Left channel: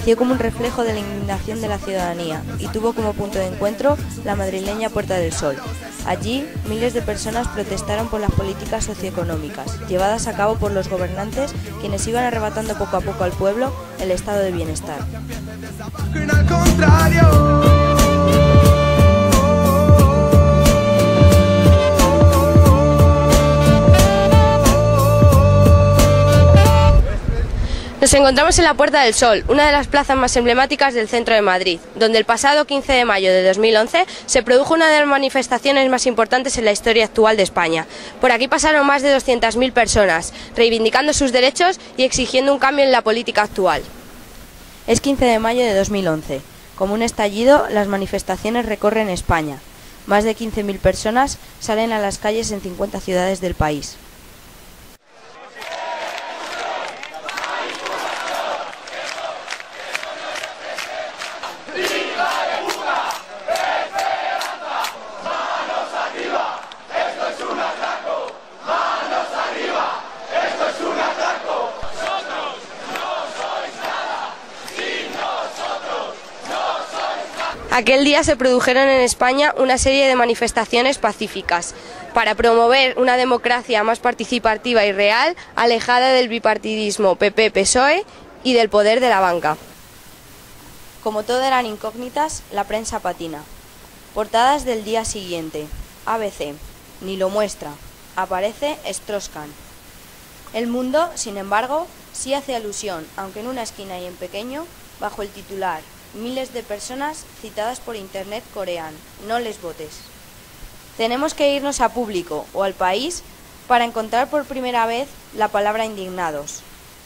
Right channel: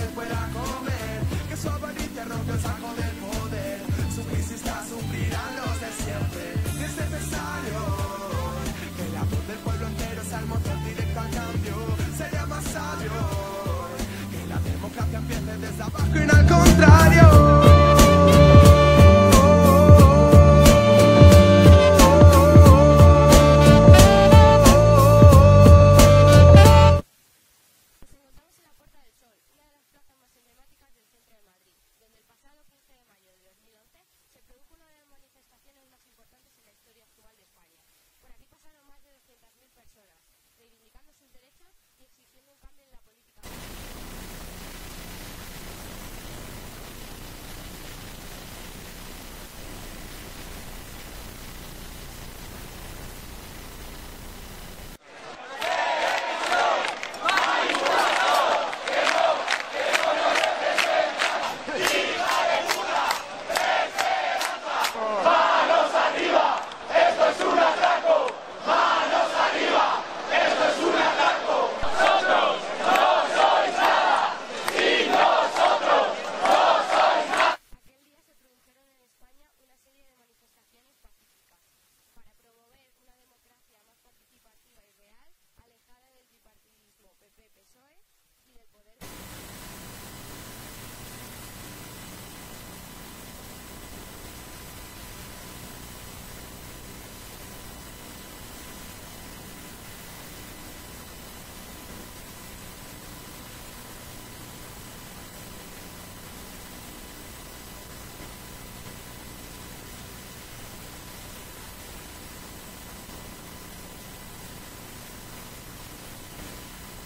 nació como un reflejo de la indignación de la ciudadanía y tuvo como punto de encuentro la madrileña Puerta del Sol. Allí, miles de personas protestaron por las políticas socioeconómicas llevadas a cabo por los gobernantes, quienes iban arrebatando poco a poco al pueblo el estado de bienestar. Nos encontramos en la Puerta del Sol, una de las plazas más emblemáticas del centro de Madrid, donde el pasado 15 de mayo de 2011 se produjo una de las manifestaciones más importantes en la historia actual de España. Por aquí pasaron más de 200.000 personas, reivindicando sus derechos y exigiendo un cambio en la política actual. Es 15 de mayo de 2011. Como un estallido, las manifestaciones recorren España. Más de 15.000 personas salen a las calles en 50 ciudades del país. Aquel día se produjeron en España una serie de manifestaciones pacíficas para promover una democracia más participativa y real, alejada del bipartidismo PP-PSOE y del poder de la banca. Como todo eran incógnitas, la prensa patina. Portadas del día siguiente. ABC. Ni lo muestra. Aparece Strauss-Kahn. El Mundo, sin embargo, sí hace alusión, aunque en una esquina y en pequeño, bajo el titular: miles de personas citadas por internet coreano, no les votes. Tenemos que irnos a Público o al País para encontrar por primera vez la palabra indignados.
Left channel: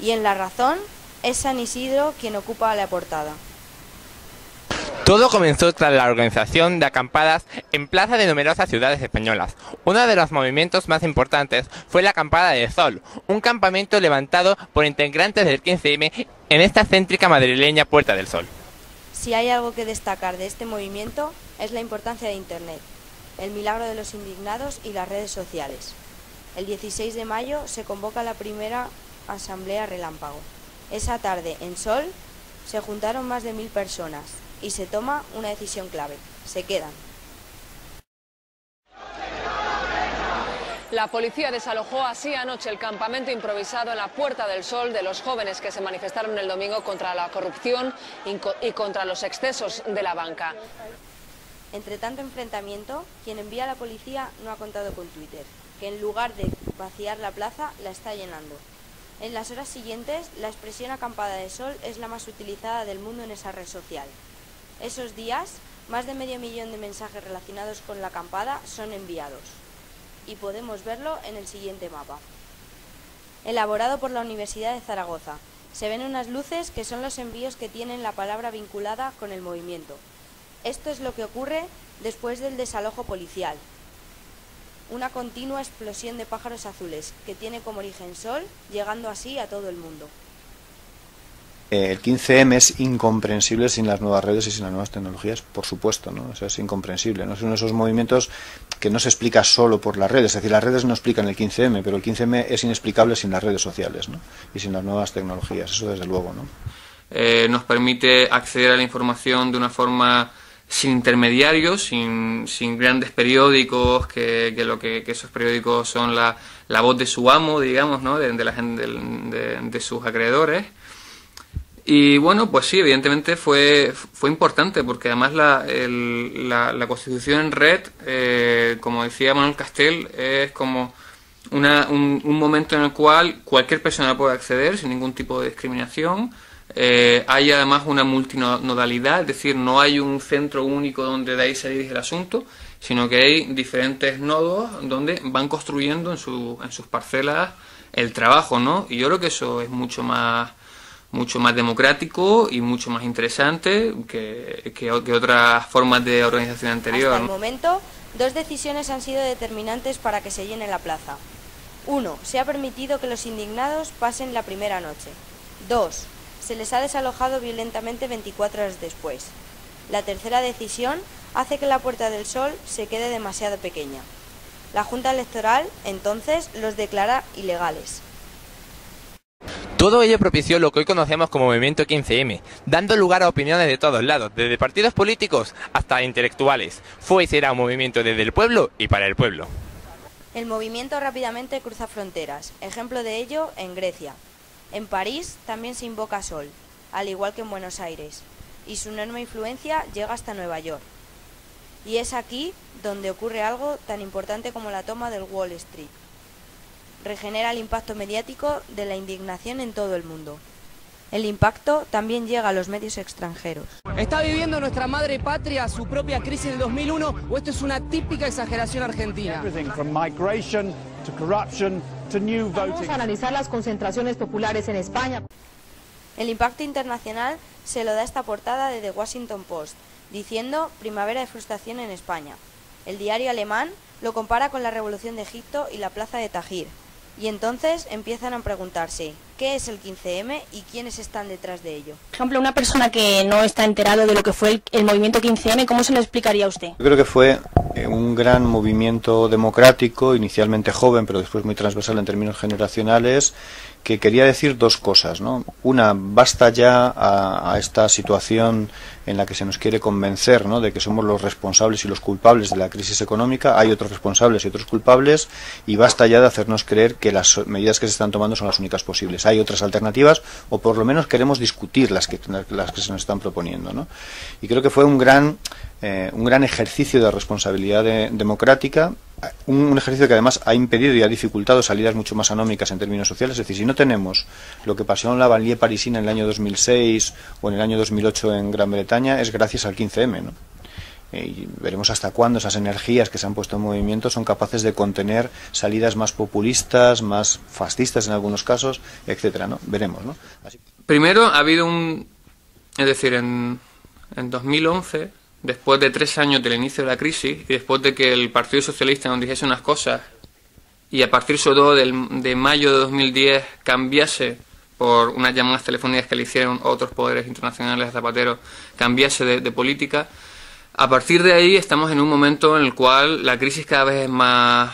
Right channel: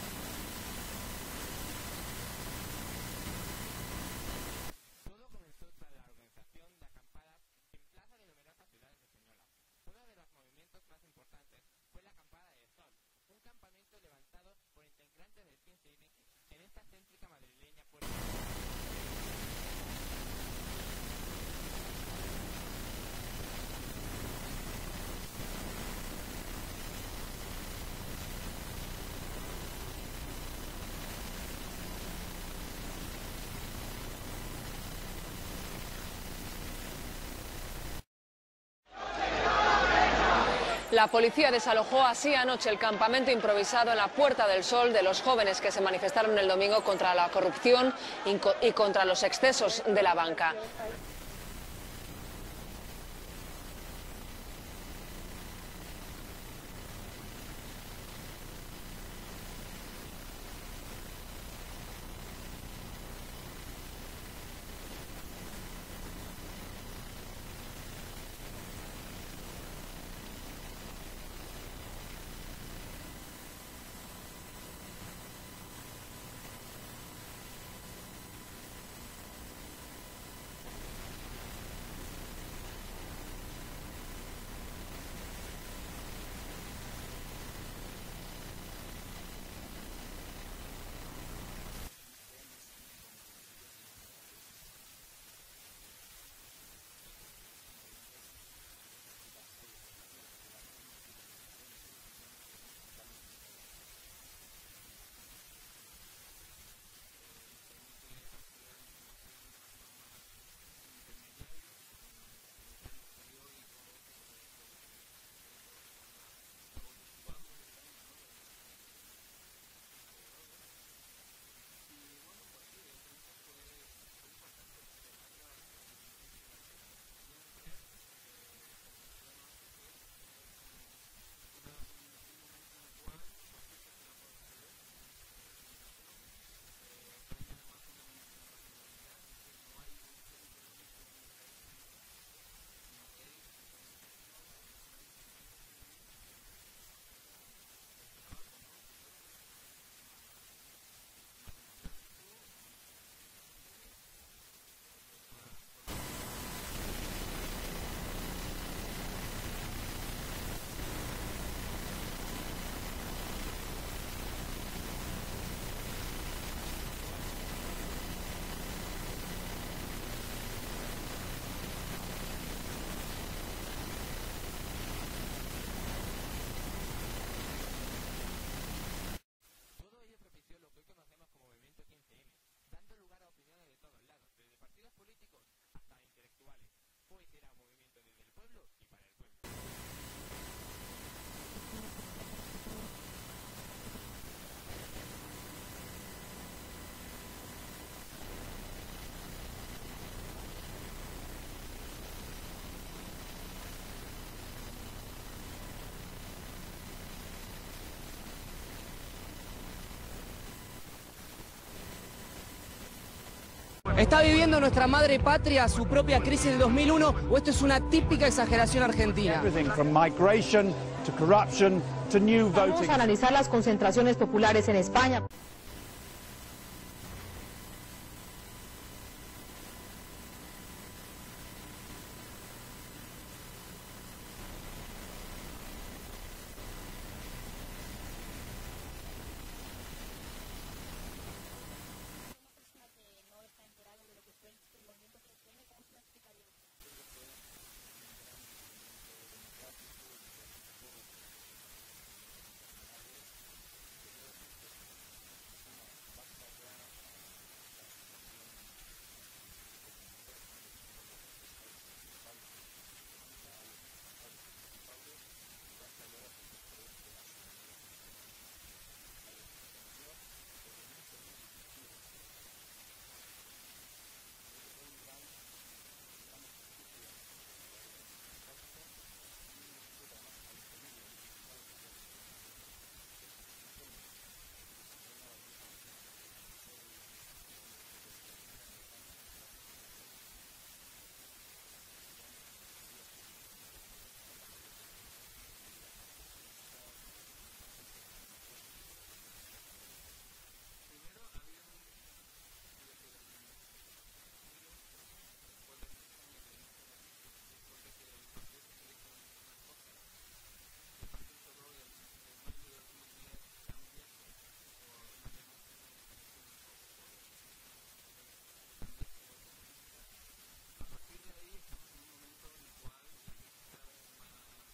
Y en La Razón es San Isidro quien ocupa la portada. Todo comenzó tras la organización de acampadas en plazas de numerosas ciudades españolas. Uno de los movimientos más importantes fue la Acampada del Sol, un campamento levantado por integrantes del 15M en esta céntrica madrileña Puerta del Sol. Si hay algo que destacar de este movimiento es la importancia de Internet, el milagro de los indignados y las redes sociales. El 16 de mayo se convoca la primera asamblea relámpago. Esa tarde, en Sol, se juntaron más de 1000 personas y se toma una decisión clave: se quedan. La policía desalojó así anoche el campamento improvisado en la Puerta del Sol de los jóvenes que se manifestaron el domingo contra la corrupción y contra los excesos de la banca. Entre tanto enfrentamiento, quien envía a la policía no ha contado con Twitter, que en lugar de vaciar la plaza, la está llenando. En las horas siguientes, la expresión acampada de sol es la más utilizada del mundo en esa red social. Esos días, más de 500.000 de mensajes relacionados con la acampada son enviados. Y podemos verlo en el siguiente mapa. Elaborado por la Universidad de Zaragoza. Se ven unas luces que son los envíos que tienen la palabra vinculada con el movimiento. Esto es lo que ocurre después del desalojo policial. Una continua explosión de pájaros azules que tiene como origen Sol, llegando así a todo el mundo. El 15M es incomprensible sin las nuevas redes y sin las nuevas tecnologías, por supuesto, ¿no? O sea, es incomprensible, ¿no? Es uno de esos movimientos que no se explica solo por las redes, es decir, las redes no explican el 15M, pero el 15M es inexplicable sin las redes sociales, ¿no? Y sin las nuevas tecnologías, eso desde luego, ¿no? Nos permite acceder a la información de una forma sin intermediarios, sin grandes periódicos, que esos periódicos son la voz de su amo, digamos, ¿no? de sus acreedores. Y bueno, pues sí, evidentemente fue importante, porque además la Constitución en red, como decía Manuel Castel, es como un momento en el cual cualquier persona puede acceder sin ningún tipo de discriminación. Hay además una multinodalidad, es decir, no hay un centro único donde de ahí se dirige el asunto, sino que hay diferentes nodos donde van construyendo en sus parcelas el trabajo, ¿no? Y yo creo que eso es mucho más democrático y mucho más interesante que otras formas de organización anterior. Hasta el momento, dos decisiones han sido determinantes para que se llene la plaza. 1. Se ha permitido que los indignados pasen la primera noche. 2. Se les ha desalojado violentamente 24 horas después. La tercera decisión hace que la Puerta del Sol se quede demasiado pequeña. La Junta Electoral, entonces, los declara ilegales. Todo ello propició lo que hoy conocemos como movimiento 15M, dando lugar a opiniones de todos lados, desde partidos políticos hasta intelectuales. Fue y será un movimiento desde el pueblo y para el pueblo. El movimiento rápidamente cruza fronteras, ejemplo de ello en Grecia. En París también se invoca Sol, al igual que en Buenos Aires, y su enorme influencia llega hasta Nueva York. Y es aquí donde ocurre algo tan importante como la toma del Wall Street. Regenera el impacto mediático de la indignación en todo el mundo. El impacto también llega a los medios extranjeros. ¿Está viviendo nuestra madre patria su propia crisis del 2001 o esto es una típica exageración argentina? Vamos a analizar las concentraciones populares en España. El impacto internacional se lo da esta portada de The Washington Post, diciendo primavera de frustración en España. El diario alemán lo compara con la revolución de Egipto y la plaza de Tahrir. Y entonces empiezan a preguntarse, ¿qué es el 15M y quiénes están detrás de ello? Por ejemplo, una persona que no está enterado de lo que fue el movimiento 15M, ¿cómo se lo explicaría a usted? Yo creo que fue un gran movimiento democrático, inicialmente joven, pero después muy transversal en términos generacionales, que quería decir dos cosas, ¿no? Una, basta ya a esta situación en la que se nos quiere convencer, ¿no?, de que somos los responsables y los culpables de la crisis económica. Hay otros responsables y otros culpables, y basta ya de hacernos creer que las medidas que se están tomando son las únicas posibles. Hay otras alternativas, o por lo menos queremos discutir las que se nos están proponiendo, ¿no? Y creo que fue un gran ejercicio de responsabilidad democrática, un ejercicio que además ha impedido y ha dificultado salidas mucho más anómicas en términos sociales. Es decir, si no tenemos lo que pasó en la banlieue parisina en el año 2006 o en el año 2008 en Gran Bretaña, es gracias al 15M, ¿no? Y veremos hasta cuándo esas energías que se han puesto en movimiento son capaces de contener salidas más populistas, más fascistas en algunos casos, etcétera, ¿no? Veremos, ¿no? Así. Primero ha habido es decir, en 2011, después de 3 años del inicio de la crisis y después de que el Partido Socialista nos dijese unas cosas y a partir sobre todo de mayo de 2010 cambiase por unas llamadas telefónicas que le hicieron otros poderes internacionales a Zapatero, cambiase de política, a partir de ahí estamos en un momento en el cual la crisis cada vez es más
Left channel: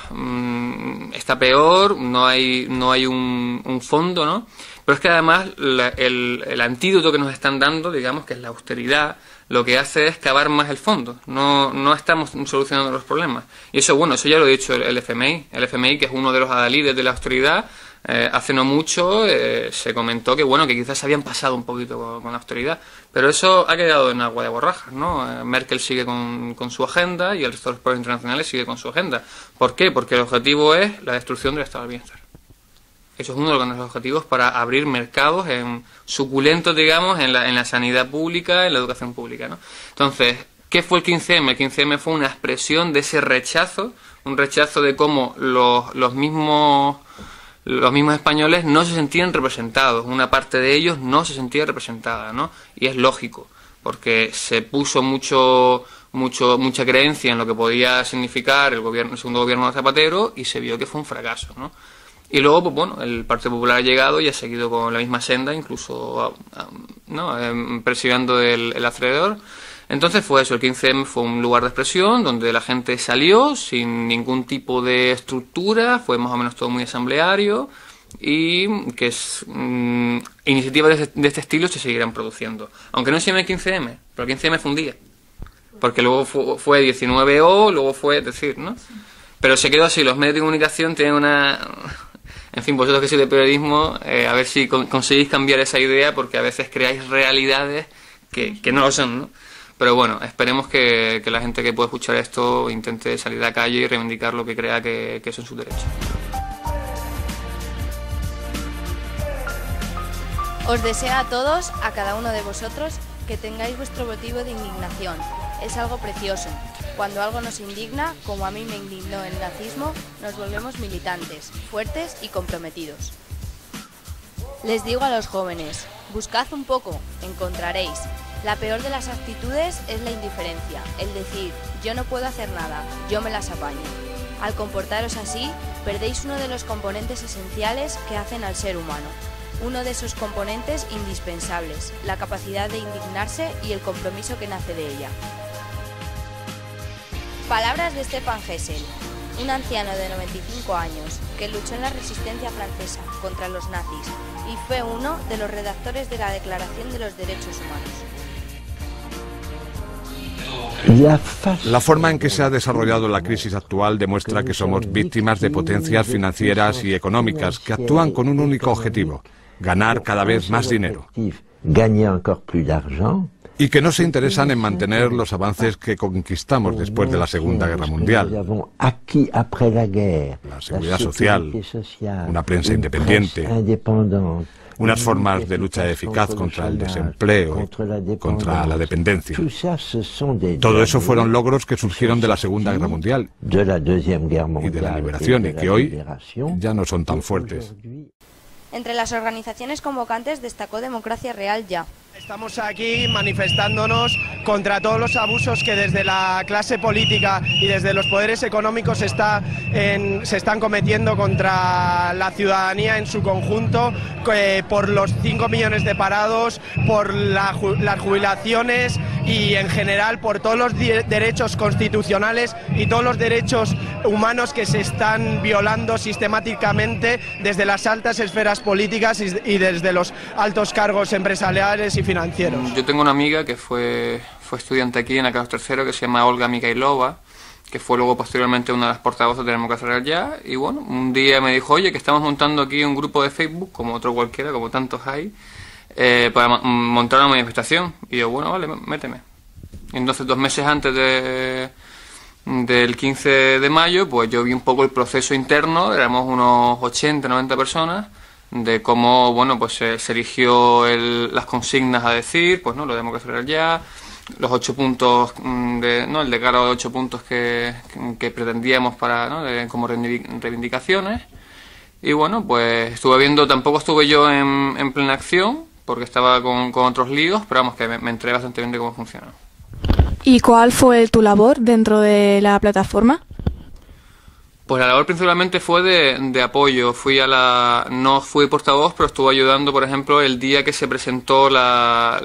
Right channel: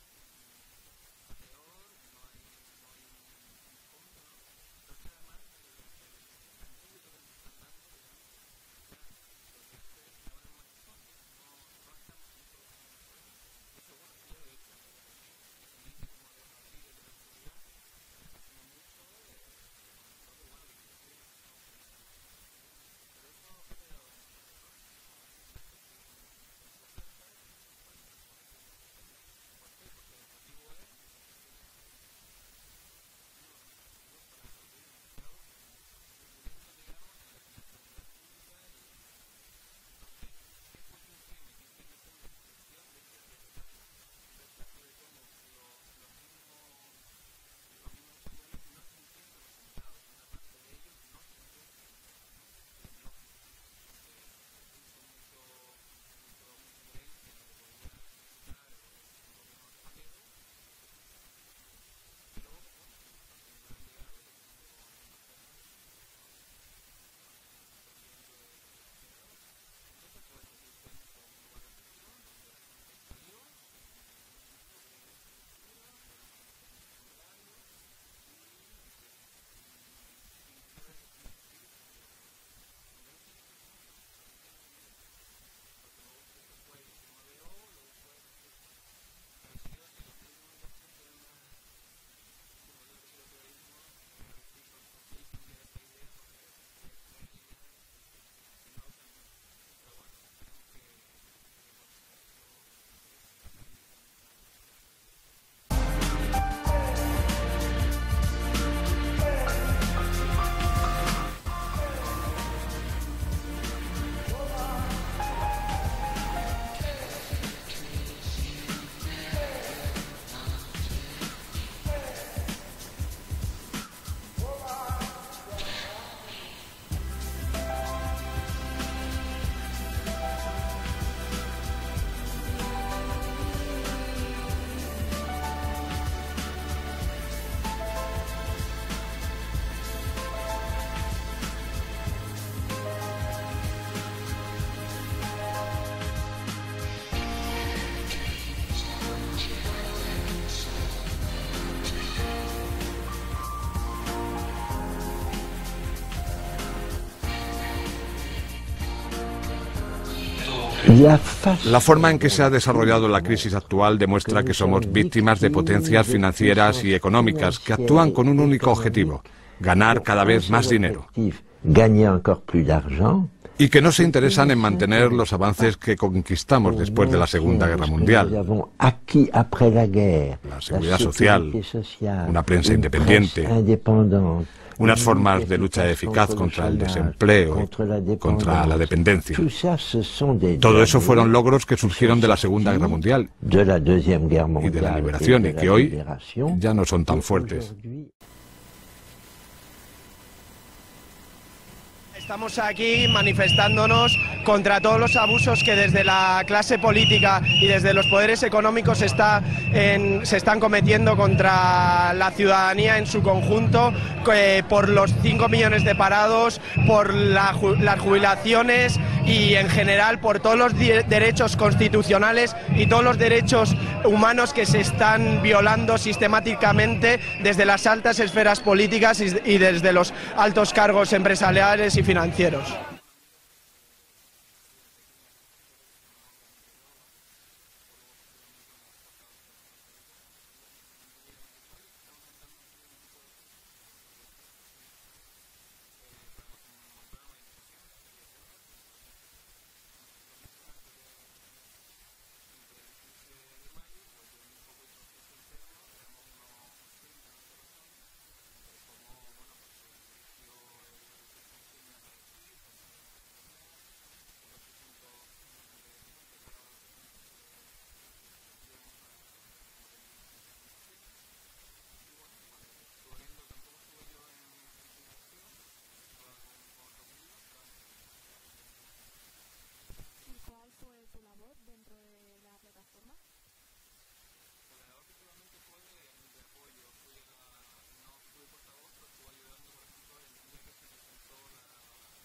está peor, no hay un fondo, ¿no? Pero es que además el antídoto que nos están dando, digamos, que es la austeridad, lo que hace es cavar más el fondo, no estamos solucionando los problemas. Y eso, bueno, eso ya lo ha dicho el FMI. El FMI, que es uno de los adalides de la austeridad, hace no mucho se comentó que, bueno, que quizás se habían pasado un poquito con la austeridad, pero eso ha quedado en agua de borrajas, ¿no? Merkel sigue con su agenda y el resto de los países internacionales sigue con su agenda. ¿Por qué? Porque el objetivo es la destrucción del estado del bienestar. Eso es uno de los objetivos para abrir mercados suculentos, digamos, en la sanidad pública, en la educación pública, ¿no? Entonces, ¿qué fue el 15M? El 15M fue una expresión de ese rechazo, un rechazo de cómo los mismos españoles no se sentían representados, una parte de ellos no se sentía representada, ¿no? Y es lógico, porque se puso mucha creencia en lo que podía significar el segundo gobierno de Zapatero y se vio que fue un fracaso, ¿no? Y luego, pues bueno, el Partido Popular ha llegado y ha seguido con la misma senda, incluso persiguiendo el acreedor. Entonces fue eso, el 15M fue un lugar de expresión donde la gente salió sin ningún tipo de estructura, fue más o menos todo muy asambleario y que iniciativas de este estilo se seguirán produciendo. Aunque no se llame 15M, pero el 15M fue un día, porque luego fue 19O, luego fue, es decir, ¿no? Pero se quedó así, los medios de comunicación tienen una... En fin, vosotros que sois de periodismo, a ver si conseguís cambiar esa idea, porque a veces creáis realidades que no lo son, ¿no? Pero bueno, esperemos que la gente que pueda escuchar esto intente salir a la calle y reivindicar lo que crea que son sus derechos. Os deseo a todos, a cada uno de vosotros, que tengáis vuestro motivo de indignación. Es algo precioso. Cuando algo nos indigna, como a mí me indignó el nazismo, nos volvemos militantes, fuertes y comprometidos. Les digo a los jóvenes, buscad un poco, encontraréis. La peor de las actitudes es la indiferencia, el decir, yo no puedo hacer nada, yo me las apaño. Al comportaros así, perdéis uno de los componentes esenciales que hacen al ser humano. Uno de esos componentes indispensables, la capacidad de indignarse y el compromiso que nace de ella. Palabras de Stefan Hesse, un anciano de 95 años, que luchó en la resistencia francesa contra los nazis y fue uno de los redactores de la Declaración de los Derechos Humanos. La forma en que se ha desarrollado la crisis actual demuestra que somos víctimas de potencias financieras y económicas que actúan con un único objetivo: ganar cada vez más dinero. Y que no se interesan en mantener los avances que conquistamos después de la Segunda Guerra Mundial. La seguridad social, una prensa independiente, unas formas de lucha eficaz contra el desempleo, contra la dependencia. Todo eso fueron logros que surgieron de la Segunda Guerra Mundial y de la liberación, y que hoy ya no son tan fuertes. Entre las organizaciones convocantes destacó Democracia Real Ya. Estamos aquí manifestándonos contra todos los abusos que desde la clase política y desde los poderes económicos se están cometiendo contra la ciudadanía en su conjunto, por los 5 millones de parados, por las jubilaciones y en general por todos los derechos constitucionales y todos los derechos humanos que se están violando sistemáticamente desde las altas esferas políticas y desde los altos cargos empresariales y financieros. Yo tengo una amiga que fue estudiante aquí en la Carlos III, que se llama Olga Mikhailova, que fue luego posteriormente una de las portavoces de Democracia Real Ya, y bueno, un día me dijo: oye, que estamos montando aquí un grupo de Facebook, como otro cualquiera, como tantos hay, para montar una manifestación. Y yo, bueno, vale, méteme. Y entonces 2 meses antes del 15 de mayo, pues yo vi un poco el proceso interno, éramos unos 80, 90 personas, de cómo, bueno, pues se eligió las consignas a decir, pues no, lo de Democracia Real Ya, los 8 puntos, el decálogo de 8 puntos que pretendíamos para, ¿no?, como reivindicaciones. Y bueno, pues tampoco estuve yo en plena acción, porque estaba con otros líos, pero vamos, que me enteré bastante bien de cómo funciona. ¿Y cuál fue tu labor dentro de la plataforma? Pues la labor principalmente fue de apoyo. No fui portavoz, pero estuve ayudando, por ejemplo, el día que se presentó la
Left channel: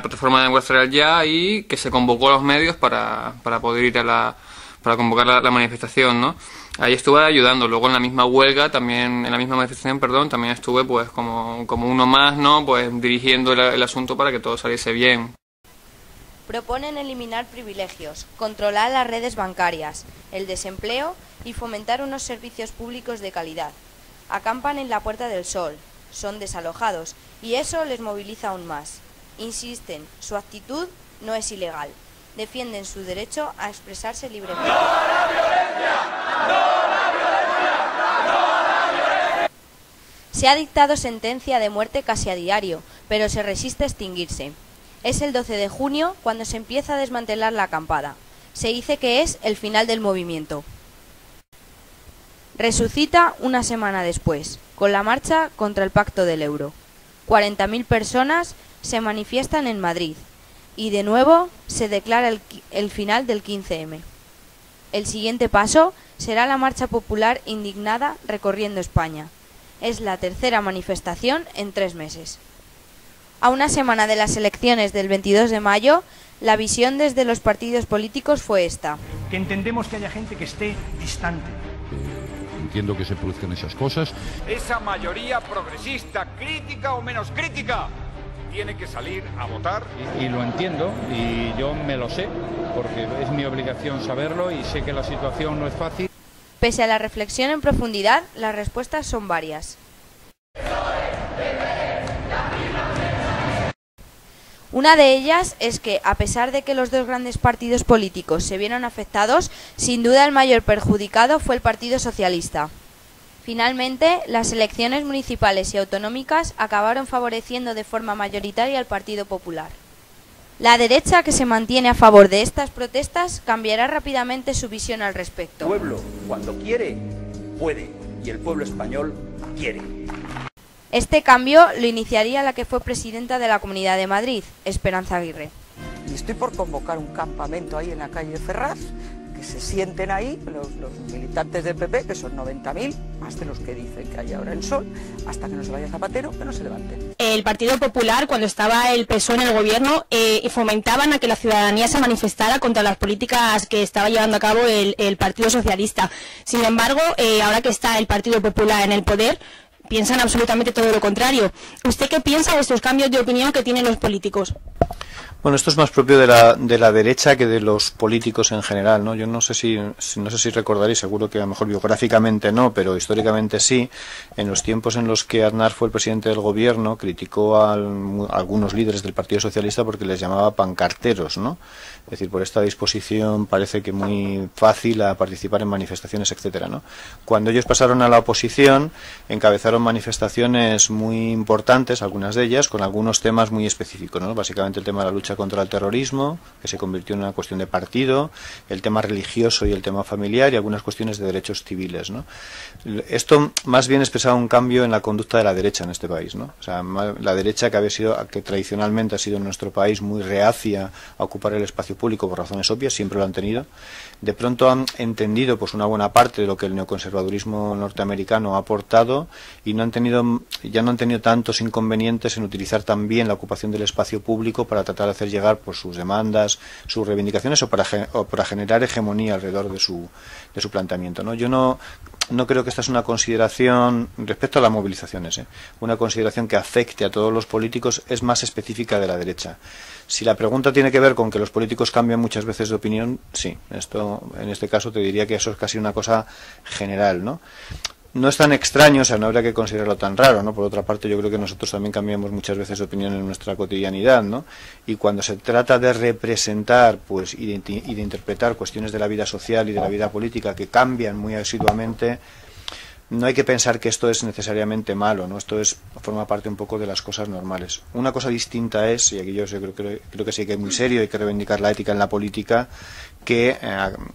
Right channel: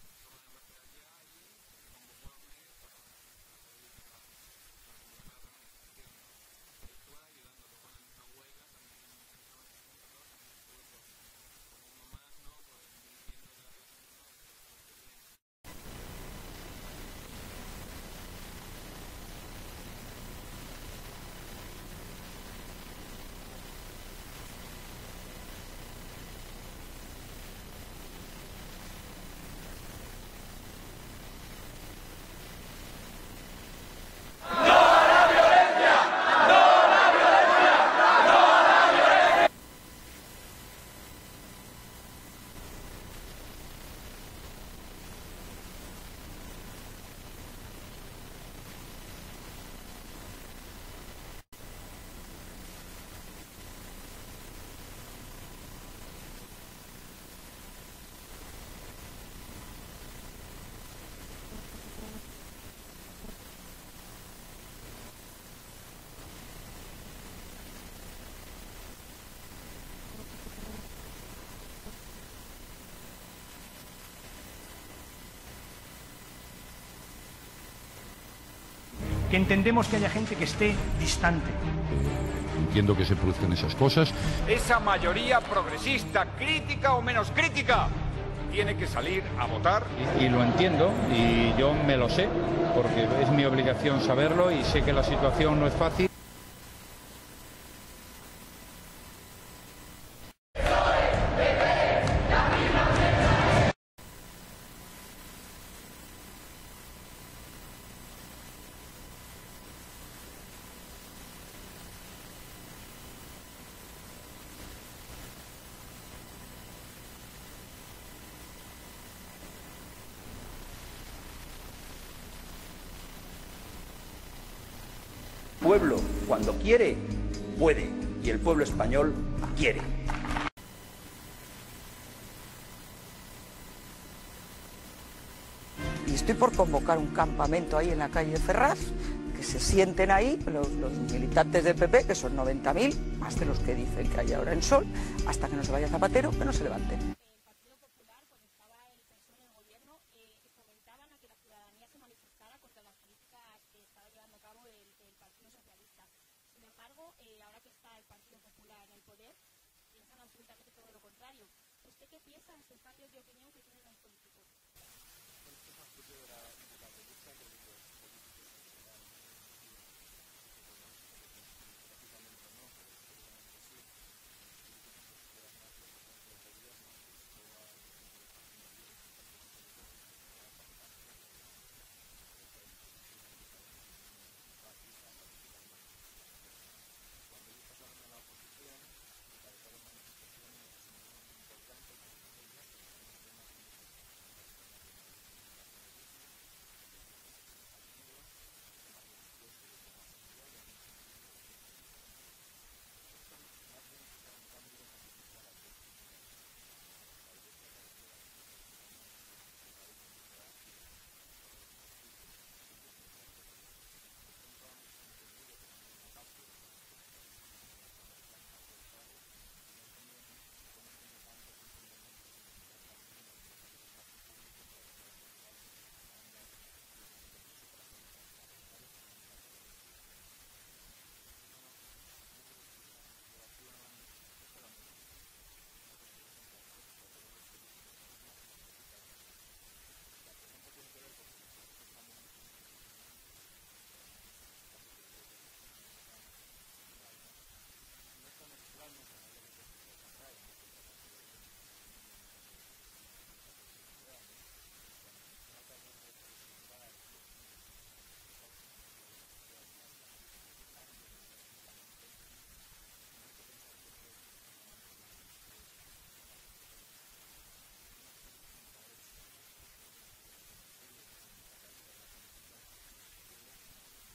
plataforma de Democracia Real Ya y que se convocó a los medios para poder ir para convocar la manifestación, ¿no? Ahí estuve ayudando. Luego en la misma huelga, también en la misma manifestación, perdón, también estuve pues como uno más, ¿no?, pues dirigiendo el asunto para que todo saliese bien. Proponen eliminar privilegios, controlar las redes bancarias, el desempleo y fomentar unos servicios públicos de calidad. Acampan en la Puerta del Sol, son desalojados y eso les moviliza aún más. Insisten, su actitud no es ilegal. Defienden su derecho a expresarse libremente. ¡No a la violencia! ¡No a la violencia! ¡No a la violencia! Se ha dictado sentencia de muerte casi a diario, pero se resiste a extinguirse. Es el 12 de junio cuando se empieza a desmantelar la acampada. Se dice que es el final del movimiento. Resucita una semana después, con la marcha contra el Pacto del Euro. 40.000 personas se manifiestan en Madrid y de nuevo se declara el final del 15M. El siguiente paso será la marcha popular indignada recorriendo España. Es la tercera manifestación en 3 meses. A una semana de las elecciones del 22 de mayo, la visión desde los partidos políticos fue esta. Que entendemos que haya gente que esté distante. Entiendo que se produzcan esas cosas. Esa mayoría progresista, crítica o menos crítica, tiene que salir a votar. Y lo entiendo, y yo me lo sé, porque es mi obligación saberlo y sé que la situación no es fácil. Pese a la reflexión en profundidad, las respuestas son varias. Una de ellas es que, a pesar de que los 2 grandes partidos políticos se vieron afectados, sin duda el mayor perjudicado fue el Partido Socialista. Finalmente, las elecciones municipales y autonómicas acabaron favoreciendo de forma mayoritaria al Partido Popular. La derecha, que se mantiene a favor de estas protestas, cambiará rápidamente su visión al respecto. El pueblo, cuando quiere, puede, y el pueblo español quiere. Este cambio lo iniciaría la que fue presidenta de la Comunidad de Madrid, Esperanza Aguirre. Y estoy por convocar un campamento ahí en la calle Ferraz, que se sienten ahí los militantes del PP, que son 90.000, más de los que dicen que hay ahora en Sol, hasta que no se vaya Zapatero, que no se levanten. El Partido Popular, cuando estaba el PSOE en el gobierno, fomentaban a que la ciudadanía se manifestara contra las políticas que estaba llevando a cabo el Partido Socialista. Sin embargo, ahora que está el Partido Popular en el poder, piensan absolutamente todo lo contrario. ¿Usted qué piensa de estos cambios de opinión que tienen los políticos? Bueno, esto es más propio de la derecha que de los políticos en general, ¿no? Yo no sé si recordaréis, seguro que a lo mejor biográficamente no, pero históricamente sí. En los tiempos en los que Aznar fue el presidente del gobierno, criticó a algunos líderes del Partido Socialista porque les llamaba pancarteros, ¿no? Es decir, por esta disposición parece que muy fácil a participar en manifestaciones, etcétera, ¿no? Cuando ellos pasaron a la oposición, encabezaron manifestaciones muy importantes, algunas de ellas, con algunos temas muy específicos, ¿no? Básicamente el tema de la lucha contra el terrorismo, que se convirtió en una cuestión de partido, el tema religioso y el tema familiar y algunas cuestiones de derechos civiles, ¿no? Esto más bien expresaba un cambio en la conducta de la derecha en este país, ¿no? O sea, la derecha que tradicionalmente ha sido en nuestro país muy reacia a ocupar el espacio público por razones obvias, siempre lo han tenido, de pronto han entendido pues una buena parte de lo que el neoconservadurismo norteamericano ha aportado y ya no han tenido tantos inconvenientes en utilizar también la ocupación del espacio público para tratar de hacer llegar pues sus demandas, sus reivindicaciones o para generar hegemonía alrededor de su planteamiento, ¿no? Yo no creo que esta es una consideración, respecto a las movilizaciones, una consideración que afecte a todos los políticos, es más específica de la derecha. Si la pregunta tiene que ver con que los políticos cambian muchas veces de opinión, sí. En este caso te diría que eso es casi una cosa general, ¿no? No es tan extraño, o sea, no habría que considerarlo tan raro, ¿no? Por otra parte, yo creo que nosotros también cambiamos muchas veces de opinión en nuestra cotidianidad, ¿no? Y cuando se trata de representar, pues, y de interpretar cuestiones de la vida social y de la vida política que cambian muy asiduamente, no hay que pensar que esto es necesariamente malo, ¿no? Esto forma parte un poco de las cosas normales. Una cosa distinta es, y aquí yo creo que sí que es muy serio, hay que reivindicar la ética en la política, que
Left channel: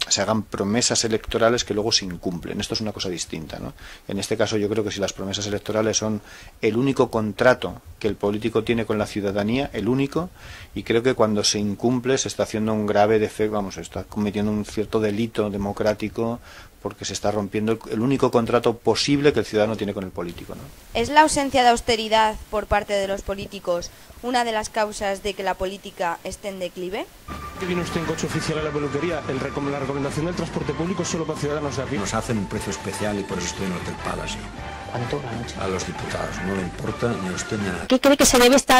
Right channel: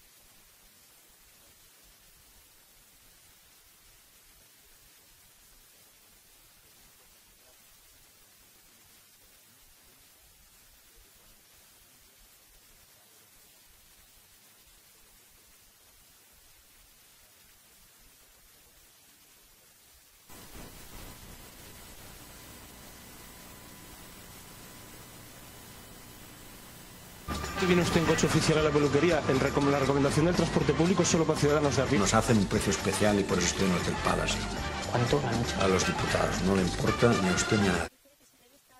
se hagan promesas electorales que luego se incumplen. Esto es una cosa distinta, ¿no? En este caso yo creo que si las promesas electorales son el único contrato que el político tiene con la ciudadanía, el único, y creo que cuando se incumple se está haciendo un grave defecto, se está cometiendo un cierto delito democrático porque se está rompiendo el único contrato posible que el ciudadano tiene con el político, ¿no? ¿Es la ausencia de austeridad por parte de los políticos una de las causas de que la política esté en declive? ¿Viene usted en coche oficial a la peluquería? La recomendación del transporte público es solo para ciudadanos de aquí. Nos hacen un precio especial y por eso estoy en el Hotel Palace. ¿Cuánto la noche? A los diputados, no le importa ni a usted ni a nadie. ¿Qué cree que se debe este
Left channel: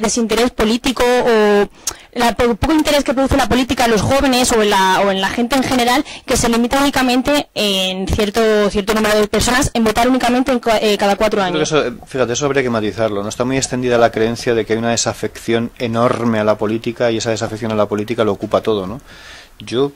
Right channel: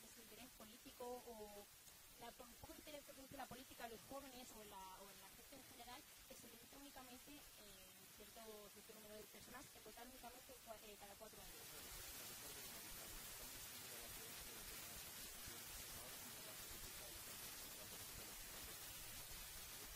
desinterés político o el poco interés que produce la política en los jóvenes o en la gente en general, que se limita únicamente en cierto número de personas en votar únicamente cada 4 años? Fíjate, eso habría que matizarlo, ¿no? Está muy extendida la creencia de que hay una desafección enorme a la política y esa desafección a la política lo ocupa todo, ¿no? Yo,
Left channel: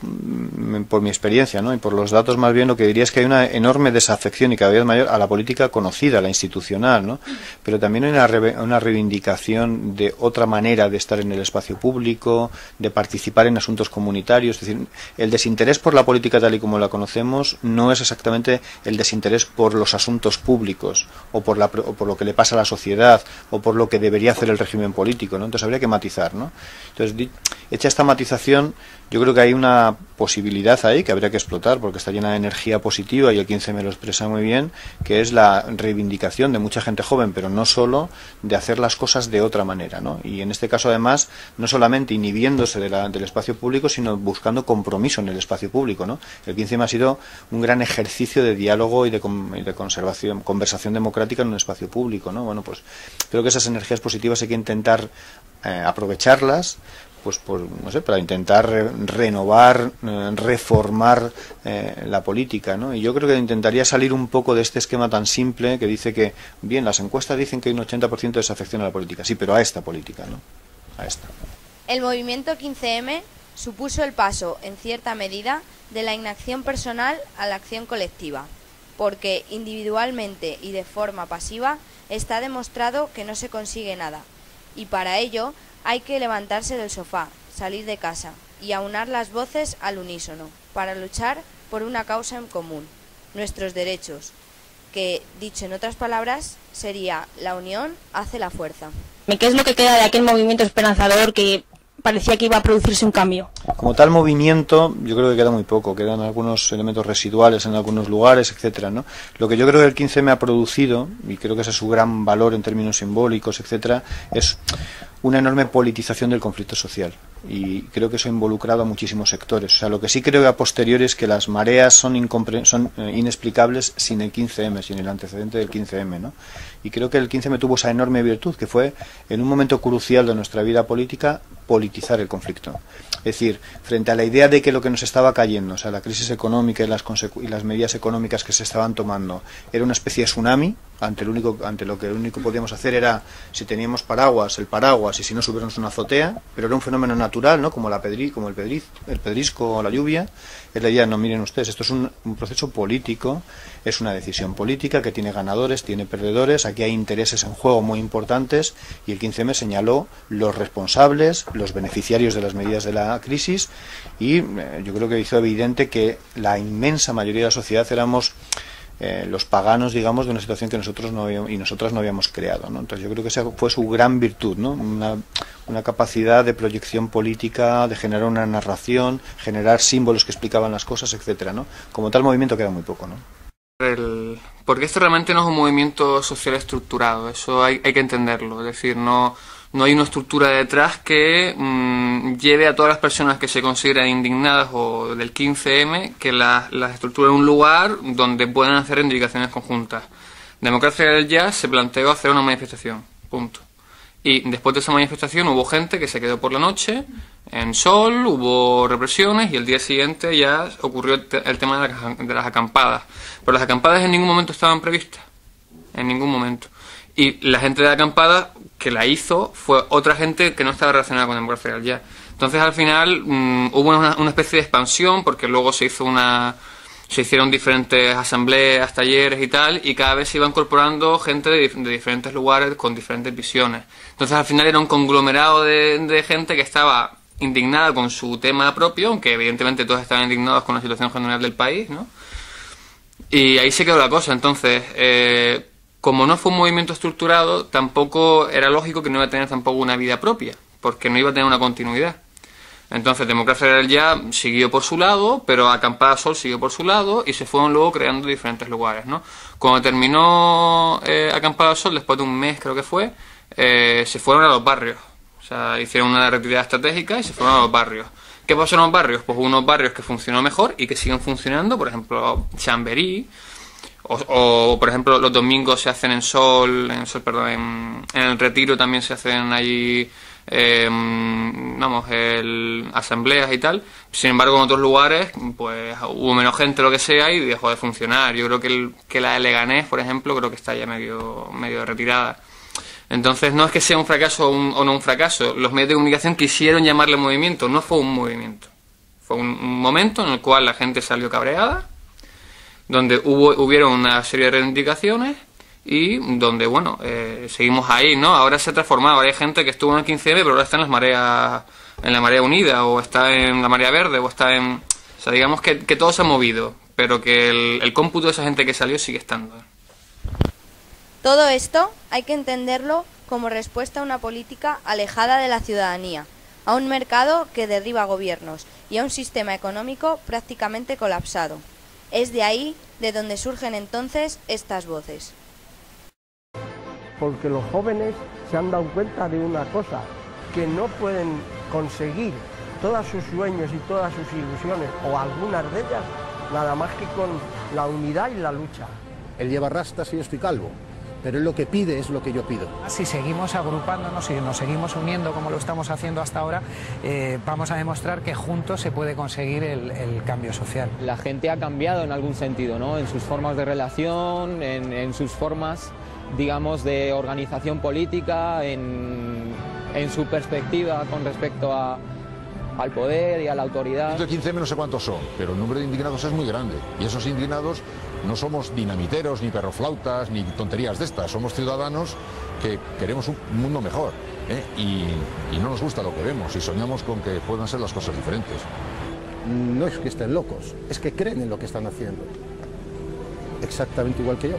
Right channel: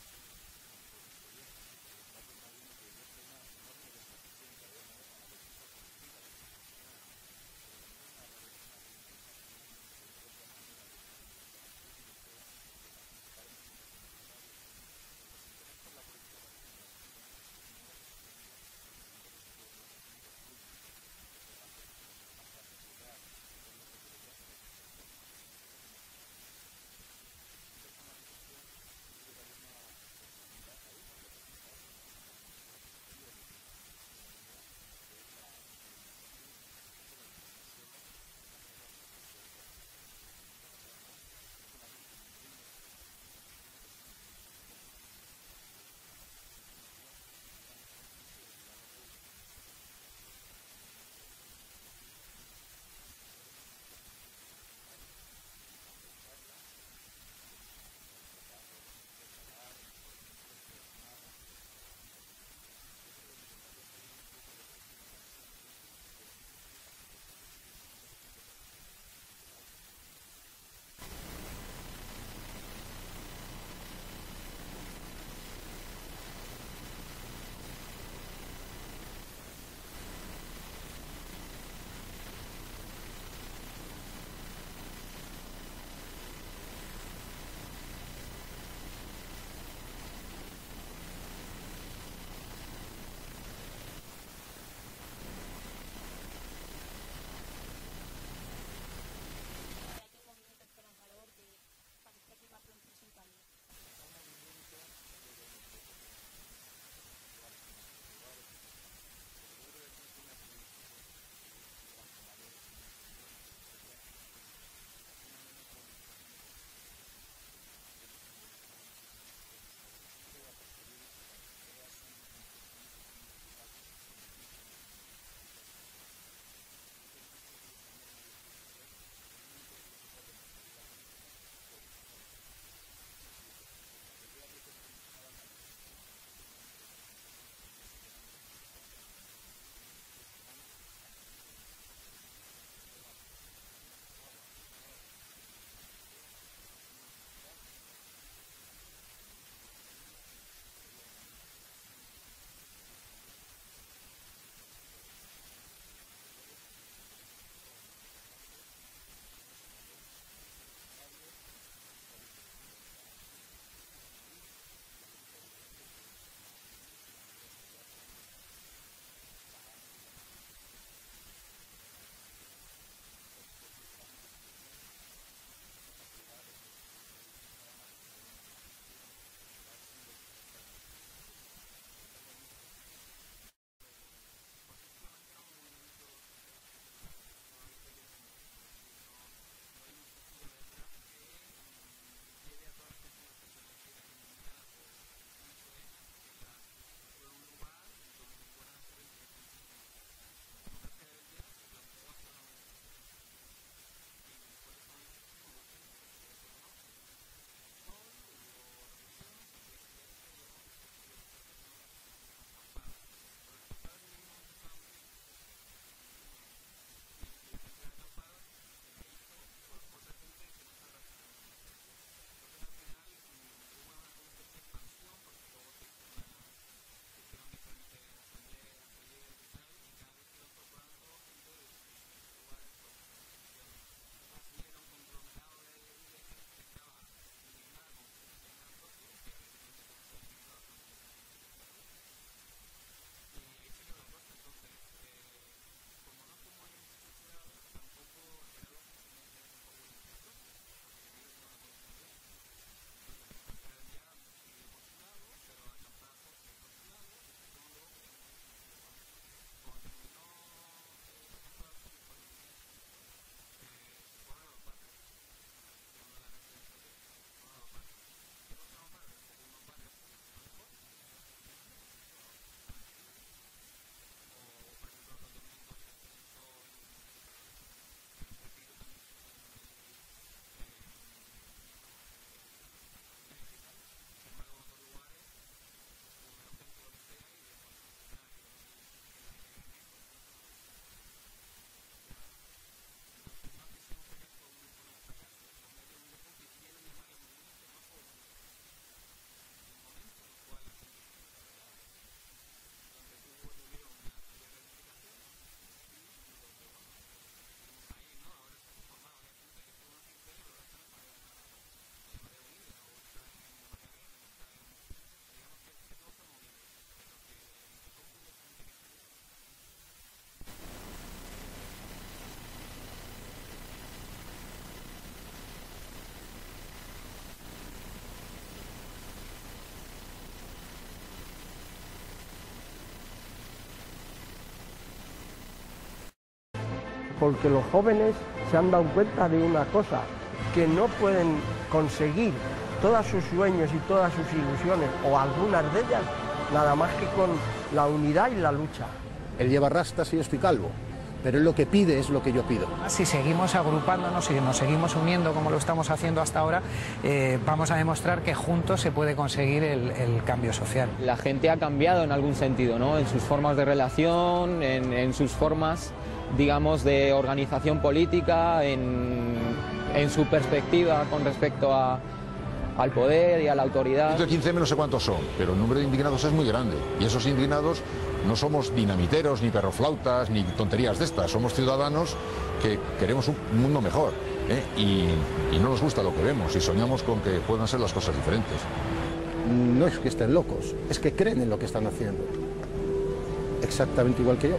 por mi experiencia, ¿no? Y por los datos más bien, lo que diría es que hay una enorme desafección y cada vez mayor a la política conocida, a la institucional, ¿no? Pero también hay una reivindicación de otra manera de estar en el espacio público, de participar en asuntos comunitarios. Es decir, el desinterés por la política tal y como la conocemos no es exactamente el desinterés por los asuntos públicos o por lo que le pasa a la sociedad o por lo que debería hacer el régimen político, ¿no? Entonces habría que matizar, ¿no? Entonces, hecha esta matización, yo creo que hay una posibilidad ahí que habría que explotar porque está llena de energía positiva y el 15M lo expresa muy bien, que es la reivindicación de mucha gente joven, pero no solo, de hacer las cosas de otra manera, ¿no? Y en este caso además no solamente inhibiéndose del espacio público, sino buscando compromiso en el espacio público, ¿no? El 15M ha sido un gran ejercicio de diálogo y de conversación democrática en un espacio público, ¿no? Bueno, pues creo que esas energías positivas hay que intentar aprovecharlas, pues no sé, para intentar renovar, reformar la política, ¿no? Y yo creo que intentaría salir un poco de este esquema tan simple que dice que, bien, las encuestas dicen que hay un 80% de desafección a la política, sí, pero a esta política, ¿no? A esta. El movimiento 15M supuso el paso, en cierta medida, de la inacción personal a la acción colectiva, porque individualmente y de forma pasiva está demostrado que no se consigue nada, y para ello hay que levantarse del sofá, salir de casa y aunar las voces al unísono para luchar por una causa en común, nuestros derechos, que, dicho en otras palabras, sería la unión hace la fuerza. ¿Qué es lo que queda de aquel movimiento esperanzador que parecía que iba a producirse un cambio. Como tal movimiento, yo creo que queda muy poco, quedan algunos elementos residuales en algunos lugares, etcétera, ¿no? Lo que yo creo que el 15M ha producido, y creo que ese es su gran valor en términos simbólicos, etcétera, es una enorme politización del conflicto social. Y creo que eso ha involucrado a muchísimos sectores. O sea, lo que sí creo a posteriori es que las mareas son inexplicables sin el 15M, sin el antecedente del 15M, ¿no? Y creo que el 15M tuvo esa enorme virtud, que fue, en un momento crucial de nuestra vida política, politizar el conflicto. Es decir, frente a la idea de que lo que nos estaba cayendo, o sea, la crisis económica y las medidas económicas que se estaban tomando, era una especie de tsunami, ante lo que lo único que podíamos hacer era, si teníamos paraguas, el paraguas, y si no, subirnos una azotea, pero era un fenómeno natural, ¿no? Como el pedrisco o la lluvia. Es la idea, no, miren ustedes, esto es un proceso político, es una decisión política que tiene ganadores, tiene perdedores, aquí hay intereses en juego muy importantes, y el 15M señaló los responsables, los beneficiarios de las medidas de la crisis, y yo creo que hizo evidente que la inmensa mayoría de la sociedad éramos los paganos, digamos, de una situación que nosotros no habíamos creado, ¿no? Entonces yo creo que esa fue su gran virtud, ¿no? Una capacidad de proyección política, de generar una narración, generar símbolos que explicaban las cosas, etcétera, ¿no? Como tal movimiento queda muy poco, ¿no? Porque esto realmente no es un movimiento social estructurado, eso hay que entenderlo, es decir, no hay una estructura detrás que lleve a todas las personas que se consideran indignadas o del 15M, que las estructure en un lugar donde puedan hacer reivindicaciones conjuntas. Democracia del Jazz se planteó hacer una manifestación, punto. Y después de esa manifestación hubo gente que se quedó por la noche en Sol, hubo represiones y el día siguiente ya ocurrió el tema de las acampadas. Pero las acampadas en ningún momento estaban previstas, en ningún momento. Y la gente de la acampada que la hizo fue otra gente que no estaba relacionada con Democracia del Jazz. Entonces al final hubo una especie de expansión, porque luego se hicieron diferentes asambleas, talleres y tal, y cada vez se iba incorporando gente de diferentes lugares con diferentes visiones. Entonces al final era un conglomerado de gente que estaba indignada con su tema propio, aunque evidentemente todos estaban indignados con la situación general del país, ¿no? Y ahí se quedó la cosa. Entonces, como no fue un movimiento estructurado, tampoco era lógico que no iba a tener tampoco una vida propia, porque no iba a tener una continuidad. Entonces Democracia del Jazz siguió por su lado, pero Acampada Sol siguió por su lado, y se fueron luego creando diferentes lugares, ¿no? Cuando terminó Acampada Sol, después de un mes creo que fue, se fueron a los barrios. O sea, hicieron una retirada estratégica y se fueron a los barrios. ¿Qué pasó en los barrios? Pues unos barrios que funcionó mejor y que siguen funcionando, por ejemplo, Chamberí, o por ejemplo, los domingos se hacen en el Retiro también se hacen allí, asambleas y tal. Sin embargo, en otros lugares, pues hubo menos gente, lo que sea, y dejó de funcionar. Yo creo que la de Leganés, por ejemplo, creo que está ya medio retirada. Entonces no es que sea un fracaso o no un fracaso. Los medios de comunicación quisieron llamarle movimiento, no fue un movimiento. Fue un momento en el cual la gente salió cabreada, donde hubieron una serie de reivindicaciones y donde, bueno, seguimos ahí, ¿no? Ahora se ha transformado, ahora hay gente que estuvo en el 15M, pero ahora está en la marea unida, o está en la marea verde, o está en... O sea, digamos que todo se ha movido, pero que el cómputo de esa gente que salió sigue estando. Todo esto hay que entenderlo como respuesta a una política alejada de la ciudadanía, a un mercado que derriba gobiernos y a un sistema económico prácticamente colapsado. Es de ahí de donde surgen entonces estas voces. Porque los jóvenes se han dado cuenta de una cosa, que no pueden conseguir todos sus sueños y todas sus ilusiones, o algunas de ellas, nada más que con la unidad y la lucha. Él lleva rastas y yo estoy calvo, pero él lo que pide es lo que yo pido. Si seguimos agrupándonos y nos seguimos uniendo como lo estamos haciendo hasta ahora, vamos a demostrar que juntos se puede conseguir el cambio social. La gente ha cambiado en algún sentido, ¿no? En sus formas de relación, en sus formas, digamos, de organización política, en su perspectiva con respecto al poder y a la autoridad. El 15M no sé cuántos son, pero el número de indignados es muy grande. Y esos indignados no somos dinamiteros, ni perroflautas, ni tonterías de estas. Somos ciudadanos que queremos un mundo mejor, ¿eh? Y no nos gusta lo que vemos y soñamos con que puedan ser las cosas diferentes. No es que estén locos, es que creen en lo que están haciendo. Exactamente igual que yo.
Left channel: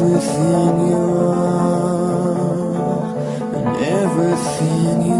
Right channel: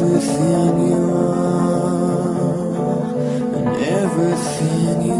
everything you are and everything you